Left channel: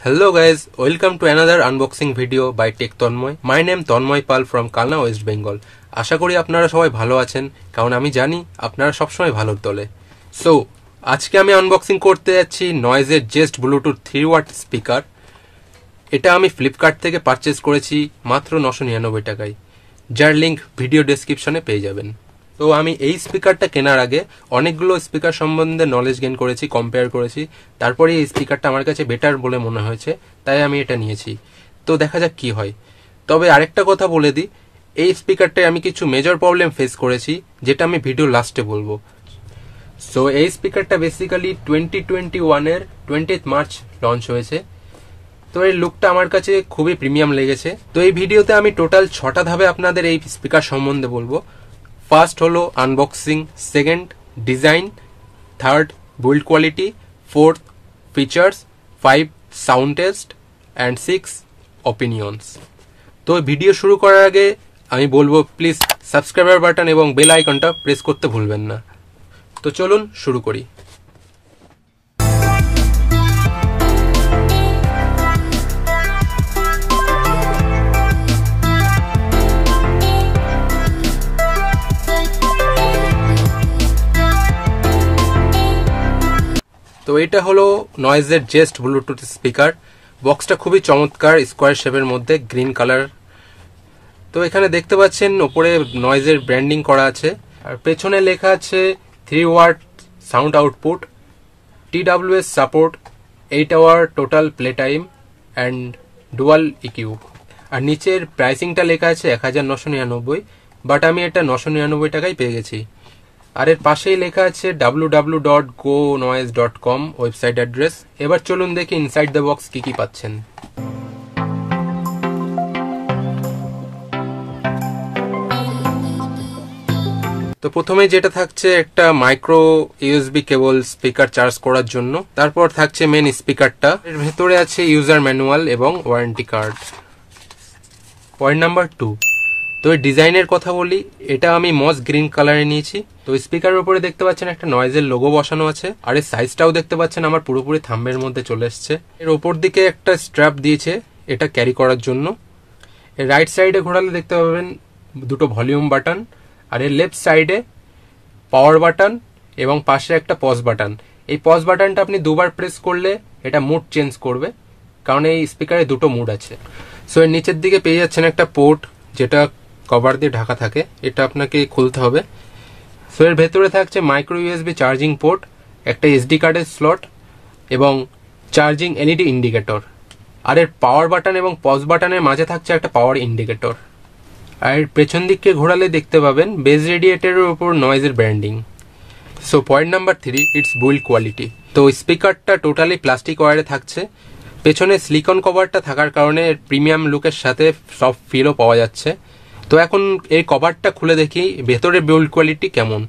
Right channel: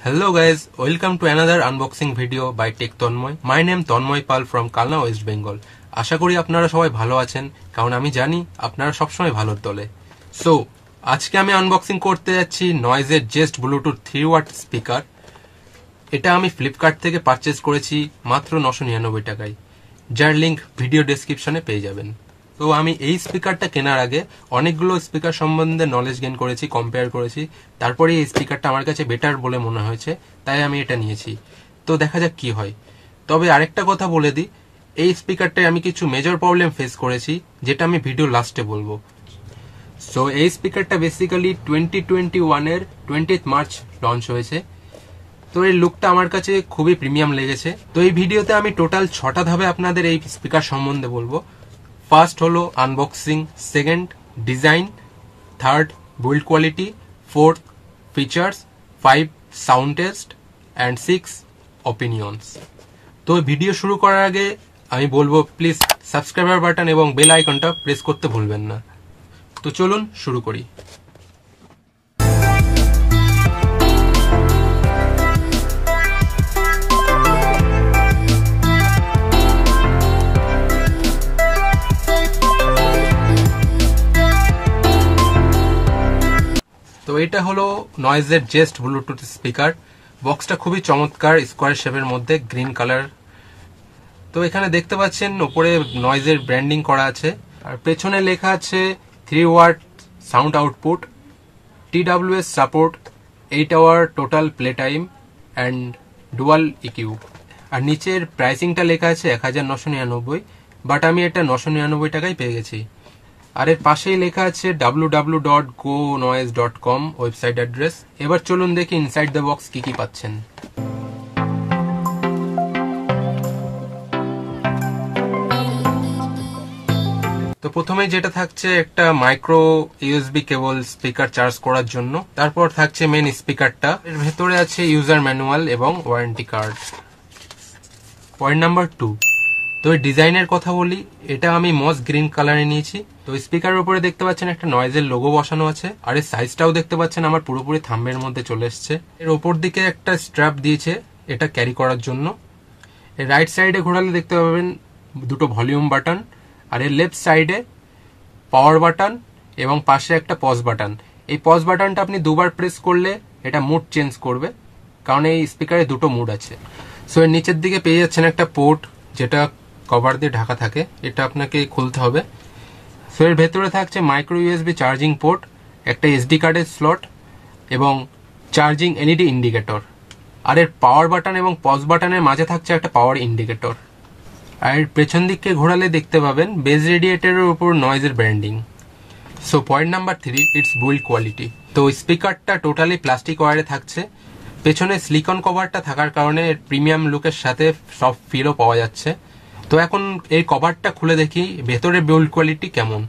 Hello guys, welcome to another unboxing video by Tanmoy. My name Tanmoy Pal from Kalna, West Bengal. আশা করি আপনারা সবাই ভালো আছেন কারণ আমি জানি আপনারা সব সময় ভালোর দলে। সো আজকে আমি আনবক্সিং করতে যাচ্ছি নয়েজের জেস্ট ব্লুটুথ 3 ওয়াট স্পিকার। এটা আমি ফ্লিপকার্ট থেকে পারচেজ করেছি মাত্র 999 টাকায়, যার লিংক ভিডিও ডেসক্রিপশনে পেয়ে যাবেন। তো আমি এই স্পিকারটা কেনার আগে অনেকগুলো স্পিকার সম্বন্ধে নলেজ গেইন করেছি, কম্পেয়ার করেছি, তারপরে এই স্পিকারটা আমার কাছে বেটার বলে মনে হয়েছে, তাই আমি এটা নিয়েছি। তো দেখা যাক কি হয়। তবে আরেকটা কথা বলে দিই, এই স্পিকারটায় আমি কিছু মেজর প্রবলেম ফেস করেছি যেটা আমি ভিডিও লাস্টে বলবো। সো এই স্পিকারটা বেসিক্যালি 2021 এর 20 মার্চ লঞ্চ হয়েছে। তো এই লুকটা আমার কাছে খুবই প্রিমিয়াম লেগেছে। তো এই ভিডিওতে আমি টোটাল 6টা ধাপে আপনাদের এই স্পিকার সম্বন্ধে বলবো। ফার্স্ট হলো unboxing, second design, third build quality, fourth features, 5 sound test and 6 opinions. তো ভিডিও শুরু করার আগে আমি বলবো প্লিজ সাবস্ক্রাইবার বাটন এবং বেল আইকনটা প্রেস করতে ভুলবেন না। তো চলুন শুরু করি। তো এটা হলো নয়েজের জেস্ট ব্লুটুথ স্পিকার। বক্সটা খুবই চমৎকার, স্কোয়ার শেপের মধ্যে গ্রিন কালার। তো এখানে দেখতে পাচ্ছেন ওপরে নয়েজের ব্র্যান্ডিং করা আছে, আর পেছনে লেখা আছে 3 watt sound output, TWS support, 8 hour total play time and dual EQ. আর নিচের প্রাইসিংটা লেখা আছে 1999, বাট আমি এটা 999 টাকায় পেয়ে গেছি। আর এর পাশেই লেখা আছে www.gonoise.com ওয়েবসাইট অ্যাড্রেস। এবার চলুন দেখি ইনসাইড দ্য বক্স কি কি পাচ্ছেন। তো প্রথমে যেটা থাকছে একটা মাইক্রো ইউএসবি কেবল স্পিকার চার্জ করার জন্য, তারপর থাকছে মেন স্পিকারটা, এর ভেতরে আছে ইউজার ম্যানুয়াল এবং ওয়ারেন্টি কার্ড। পয়েন্ট নাম্বার 2, তো এই ডিজাইনের কথা বলি, এটা আমি মস গ্রিন কালারে নিয়েছি। তো স্পিকারের উপরে দেখতে পাচ্ছেন একটা নয়েজের লোগো বসানো আছে, আর এর সাইজটাও দেখতে পাচ্ছেন আমার পুরোপুরি থাম্বের মধ্যে চলে এসছে। এর ওপর দিকে একটা স্ট্র্যাপ দিয়েছে এটা ক্যারি করার জন্য। এর রাইট সাইডে ঘোরালে দেখতে পাবেন দুটো ভলিউম বাটন, আর এর লেফট সাইডে পাওয়ার বাটন এবং পাশে একটা পজ বাটন। এই পজ বাটনটা আপনি দুবার প্রেস করলে এটা মুড চেঞ্জ করবে, কারণ এই স্পিকারে দুটো মুড আছে। সো এর নিচের দিকে পেয়ে যাচ্ছেন একটা পোর্ট যেটা কভার দিয়ে ঢাকা থাকে, এটা আপনাকে খুলতে হবে। সো এর ভেতরে থাকছে মাইক্রো ইউএসবি চার্জিং পোর্ট, একটা এসডি কার্ডের স্লট এবং চার্জিং এলইডি ইন্ডিকেটর। আর এর পাওয়ার বাটন এবং পজ বাটনের মাঝে থাকছে একটা পাওয়ার ইন্ডিকেটর। আর পেছন দিককে ঘোরালে দেখতে পাবেন বেজ রেডিয়েটরের উপর নয়েজের ব্র্যান্ডিং। So point number 3, it's build quality. তো স্পিকারটা টোটালি প্লাস্টিক ওয়্যারে থাকছে, পেছনে সিলিকন কভারটা থাকার কারণে প্রিমিয়াম লুকের সাথে সব ফিলও পাওয়া যাচ্ছে। তো এখন এই কভারটা খুলে দেখি ভেতরে বিল্ড কোয়ালিটি কেমন।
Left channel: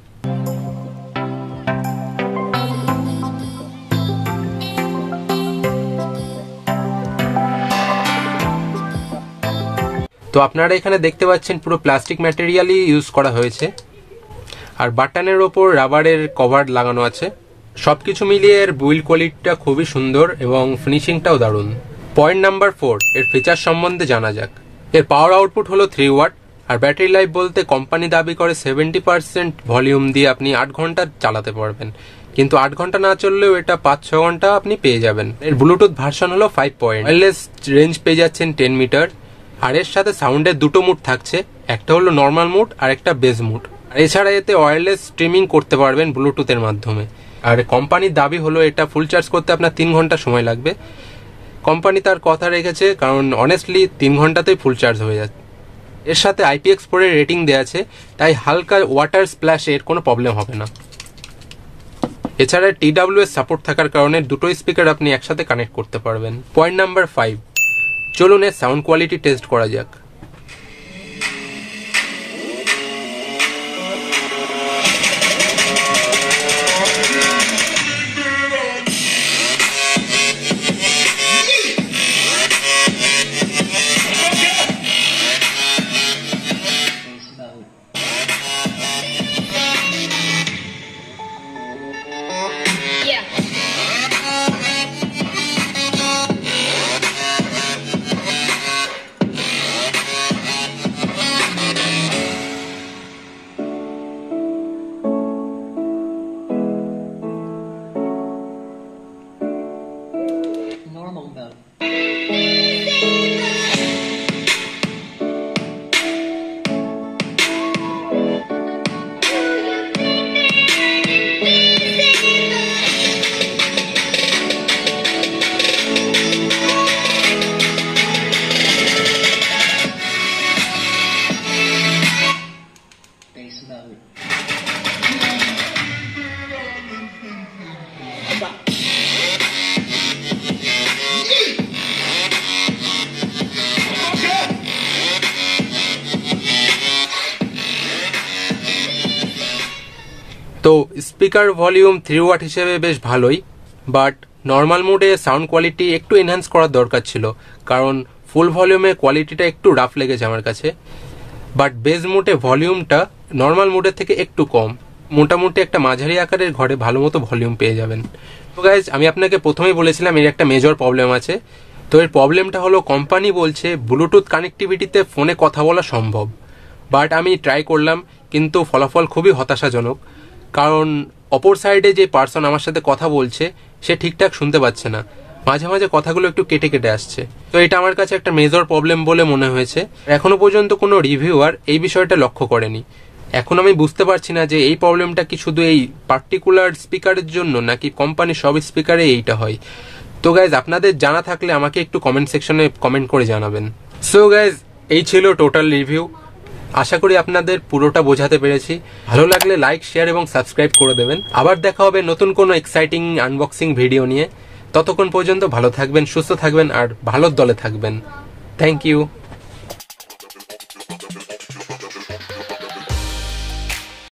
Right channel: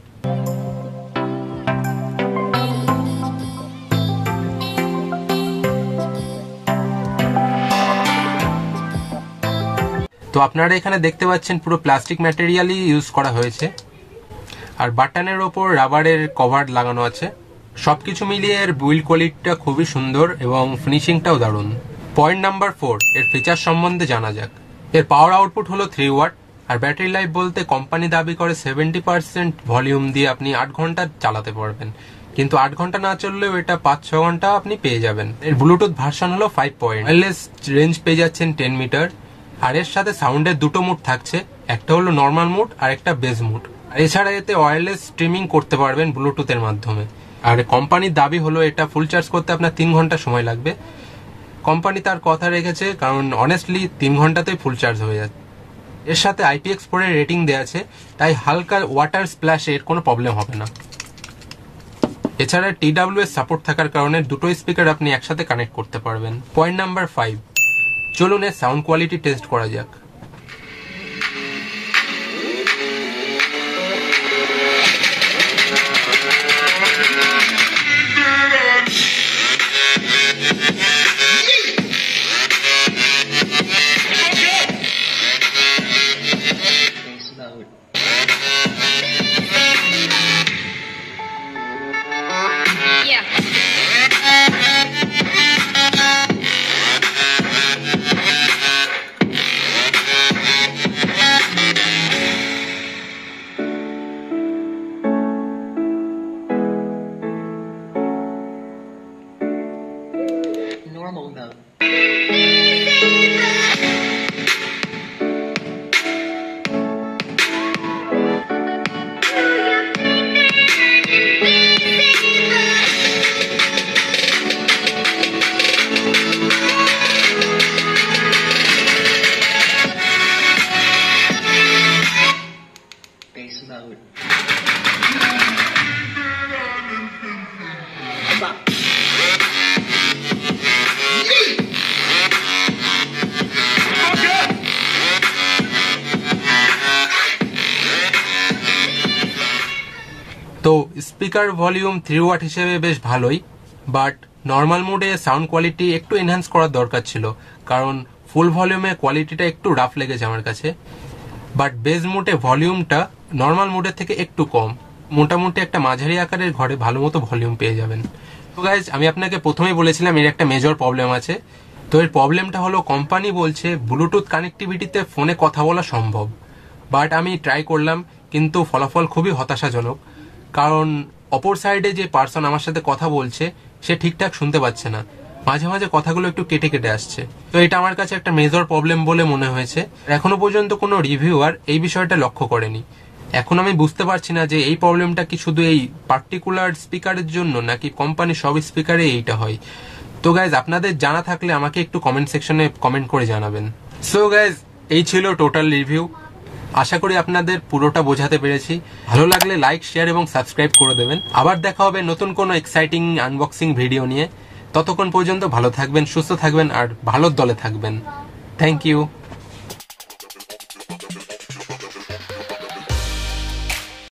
তো আপনারা এখানে দেখতে পাচ্ছেন পুরো প্লাস্টিক ম্যাটেরিয়ালই ইউজ করা হয়েছে, আর বাটনের ওপর রাবারের কভার লাগানো আছে। সবকিছু মিলিয়ে এর বিল্ড কোয়ালিটিটা খুবই সুন্দর এবং ফিনিশিংটাও দারুণ। পয়েন্ট নাম্বার 4, এর ফিচার সম্বন্ধে জানা যাক। এর পাওয়ার আউটপুট হলো 3 ওয়াট, আর ব্যাটারি লাইফ বলতে কোম্পানি দাবি করে 70% ভলিউম দিয়ে আপনি 8 ঘন্টা চালাতে পারবেন, কিন্তু 8 ঘন্টা না চললেও এটা 5-6 ঘন্টা আপনি পেয়ে যাবেন। এর ব্লুটুথ ভার্সন হলো 5 পয়েন্ট, ওয়্যারলেস রেঞ্জ পেয়ে যাচ্ছেন 10 মিটার। আর এর সাথে সাউন্ডের দুটো মুড থাকছে, একটা হলো নর্মাল মুড আর একটা বেস মুড। আর এছাড়া এতে ওয়্যারলেস স্ট্রিমিং করতে পারবেন ব্লুটুথের মাধ্যমে। আর কোম্পানির দাবি হলো এটা ফুল চার্জ করতে আপনার 3 ঘন্টা সময় লাগবে। কোম্পানি তার কথা রেখেছে, কারণ অনেস্টলি 3 ঘন্টাতেই ফুল চার্জ হয়ে যাচ্ছে। এর সাথে IPX4 এর রেটিং দেওয়া আছে, তাই হালকা ওয়াটার স্প্ল্যাশের কোনো প্রবলেম হবে না। এছাড়া TWS সাপোর্ট থাকার কারণে দুটো স্পিকার আপনি একসাথে কানেক্ট করতে পারবেন। পয়েন্ট নাম্বার 5, চলুন এর সাউন্ড কোয়ালিটি টেস্ট করা যাক। Yeah. normal mode. Bass mode. তো স্পিকার ভলিউম 3 ওয়াট হিসেবে বেশ ভালোই, বাট নর্মাল মোডে সাউন্ড কোয়ালিটি একটু এনহ্যান্স করার দরকার ছিল, কারণ ফুল ভলিউমে কোয়ালিটিটা একটু রাফ লেগেছে আমার কাছে। বাট বেস মোডে ভলিউমটা নর্মাল মোডের থেকে একটু কম, মোটামুটি একটা মাঝারি আকারের ঘরে ভালো মতো ভলিউম পেয়ে যাবেন। তো গাইজ, আমি আপনাকে প্রথমেই বলেছিলাম এর একটা মেজর প্রবলেম আছে। তো এর প্রবলেমটা হলো কোম্পানি বলছে ব্লুটুথ কানেক্টিভিটিতে ফোনে কথা বলা সম্ভব, বাট আমি ট্রাই করলাম কিন্তু ফলাফল খুবই হতাশাজনক, কারণ অপর সাইডে যে পার্সন আমার সাথে কথা বলছে সে ঠিকঠাক শুনতে পাচ্ছে না, মাঝে মাঝে কথাগুলো একটু কেটে কেটে আসছে। তো এটা আমার কাছে একটা মেজর প্রবলেম বলে মনে হয়েছে। এখনো পর্যন্ত কোনো রিভিউয়ার এই বিষয়টা লক্ষ্য করেনি। এখন আমি বুঝতে পারছি না যে এই প্রবলেমটা কি শুধু এই পার্টিকুলার স্পিকারের জন্য নাকি কোম্পানি সব স্পিকারে এইটা হয়। তো গাইজ, আপনাদের জানা থাকলে আমাকে একটু কমেন্ট সেকশনে কমেন্ট করে জানাবেন। সো গাইজ, এই ছিল টোটাল রিভিউ। আশা করি আপনাদের পুরোটা বোঝাতে পেরেছি। ভালো লাগলে লাইক, শেয়ার এবং সাবস্ক্রাইব করে দেবেন। আবার দেখা হবে নতুন কোনো এক্সাইটিং আনবক্সিং ভিডিও নিয়ে। ততক্ষণ পর্যন্ত ভালো থাকবেন, সুস্থ থাকবেন আর ভালোর দলে থাকবেন। Thank you.